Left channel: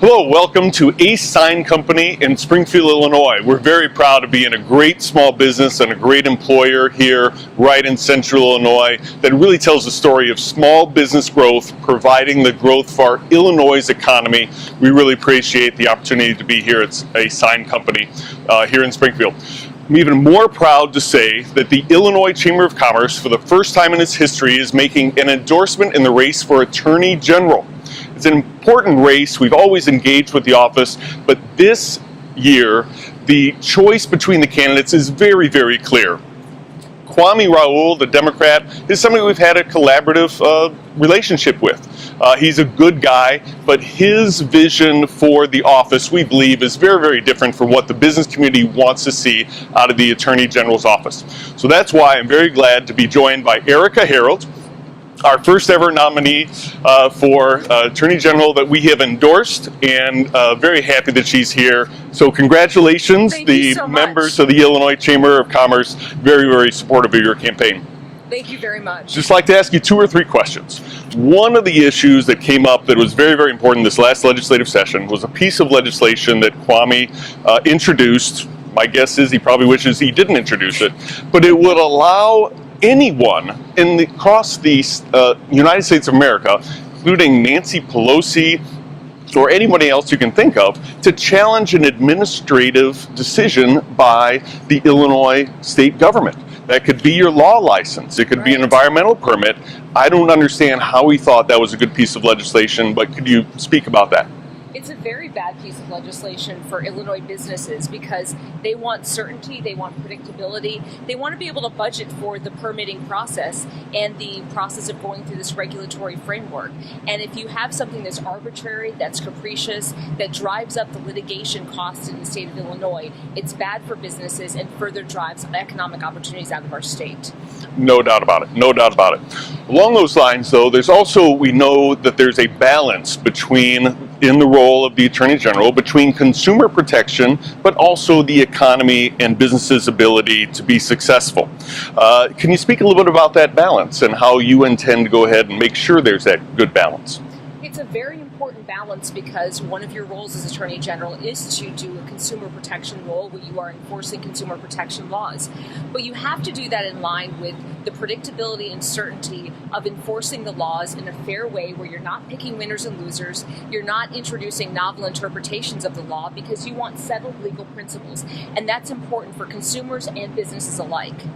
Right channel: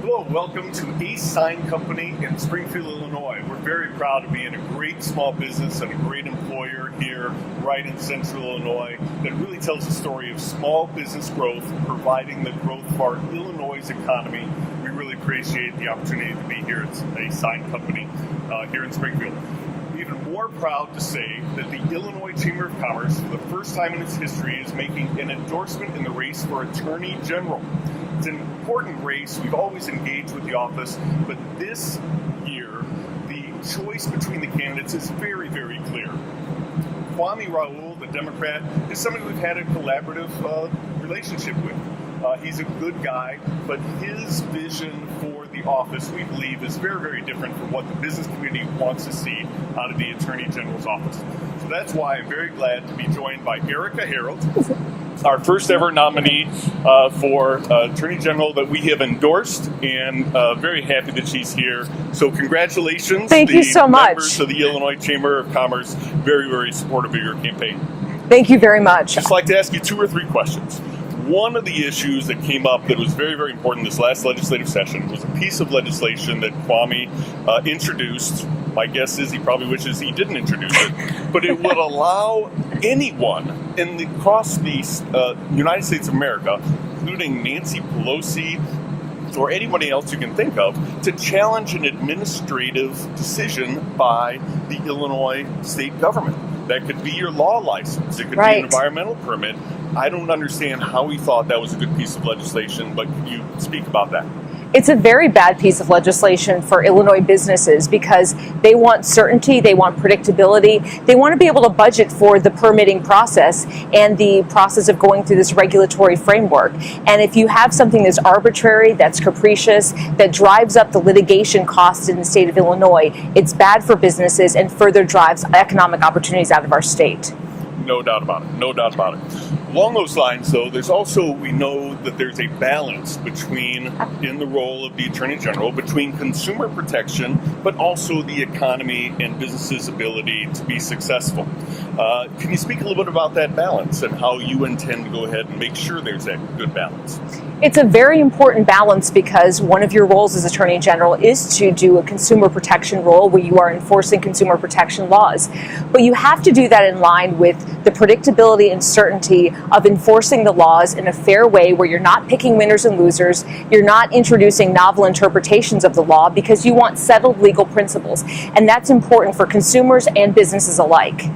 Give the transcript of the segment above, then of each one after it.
Hello, welcome to Ace Sign Company in Springfield, Illinois. We're very proud to be in a great small business and a great employer here right in central Illinois that really tells the story of small business growth, providing the growth for our Illinois' economy. We really appreciate the opportunity to be here at Ace Sign Company here in Springfield. I'm even more proud to say that the Illinois Chamber of Commerce, for the first time in its history, is making an endorsement in the race for Attorney General. It's an important race. We've always engaged with the office, but this year, the choice between the candidates is very, very clear. Kwame Raoul, the Democrat, is somebody we've had a collaborative relationship with. He's a good guy, but his vision for the office, we believe, is very, very different from what the business community wants to see out of the Attorney General's office. So that's why I'm very glad to be joined by Erika Harold, our first ever nominee for Attorney General that we have endorsed, and very happy that she's here. So congratulations. Thank you so much. The members of the Illinois Chamber of Commerce, very, very supportive of your campaign. Thank you very much. Just like to ask you 2 or 3 questions. One of the issues that came up that was very, very important this last legislative session was a piece of legislation that Kwame introduced. My guess is he probably wishes he didn't introduce it, but it would allow anyone across the United States of America, including Nancy Pelosi or anybody else you can think of, to challenge an administrative decision by the Illinois state government. That could be your law license. It could be an environmental permit. I don't understand how he thought that was a good piece of legislation, but could you speak about that? It's a very bad piece of legislation for Illinois businesses because they want certainty, they want predictability, they want to be able to budget for the permitting process and the process of going through this regulatory framework. And if you have something that's arbitrary, that's capricious, that drives up the litigation costs in the state of Illinois, it's bad for businesses and further drives economic opportunities out of our state. No doubt about it. No doubt about it. Along those lines, though, we know that there's a balance in the role of the Attorney General, between consumer protection, but also the economy and businesses' ability to be successful. Can you speak a little bit about that balance and how you intend to go ahead and make sure there's that good balance? It's a very important balance because one of your roles as Attorney General is to do a consumer protection role where you are enforcing consumer protection laws. But you have to do that in line with the predictability and certainty of enforcing the laws in a fair way where you're not picking winners and losers, you're not introducing novel interpretations of the law because you want settled legal principles. And that's important for consumers and businesses alike.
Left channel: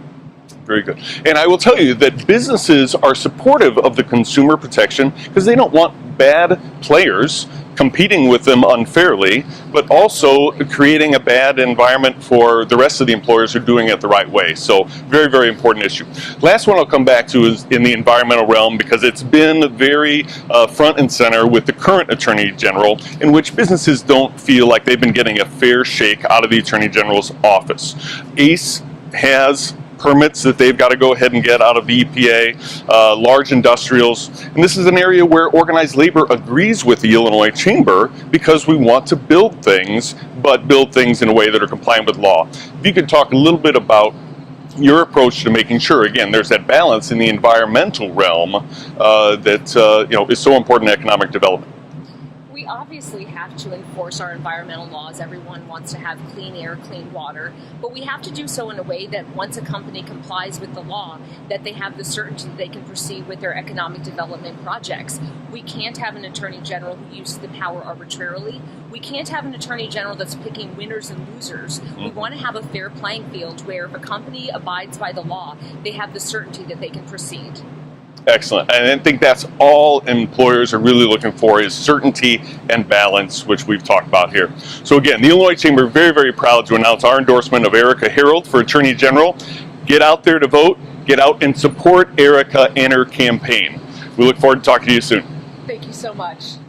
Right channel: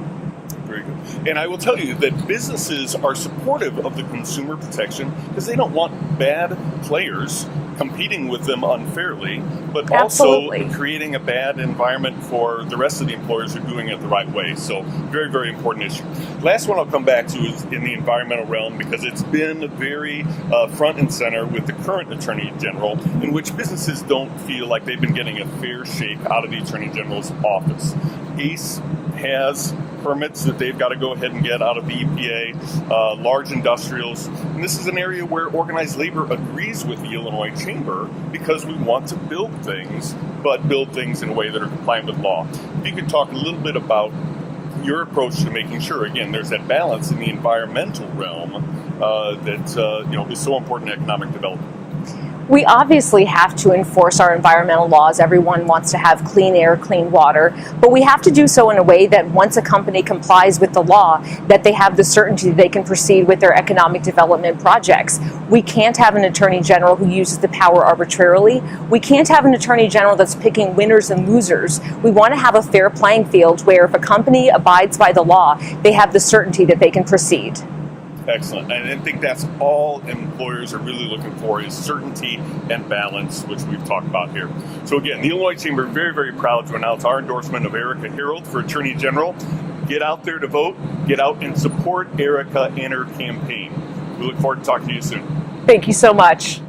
Very good. And I will tell you that businesses are supportive of the consumer protection because they don't want bad players competing with them unfairly, but also creating a bad environment for the rest of the employers who are doing it the right way. So very, very important issue. Last one I'll come back to is in the environmental realm because it's been very front and center with the current Attorney General, in which businesses don't feel like they've been getting a fair shake out of the Attorney General's office. ACE has permits that they've got to go ahead and get out of the EPA, large industrials. And this is an area where organized labor agrees with the Illinois Chamber because we want to build things, but build things in a way that are compliant with law. If you could talk a little bit about your approach to making sure, again, there's that balance in the environmental realm that is so important in economic development. We obviously have to enforce our environmental laws. Everyone wants to have clean air, clean water, but we have to do so in a way that once a company complies with the law, that they have the certainty that they can proceed with their economic development projects. We can't have an Attorney General who uses the power arbitrarily. We can't have an Attorney General that's picking winners and losers. We want to have a fair playing field where if a company abides by the law, they have the certainty that they can proceed. Excellent. And I think that's all employers are really looking for is certainty and balance, which we've talked about here. So again, the Illinois Chamber is very, very proud to announce our endorsement of Erika Harold for Attorney General. Get out there to vote. Get out and support Erika and her campaign. We look forward to talking to you soon. Thank you so much.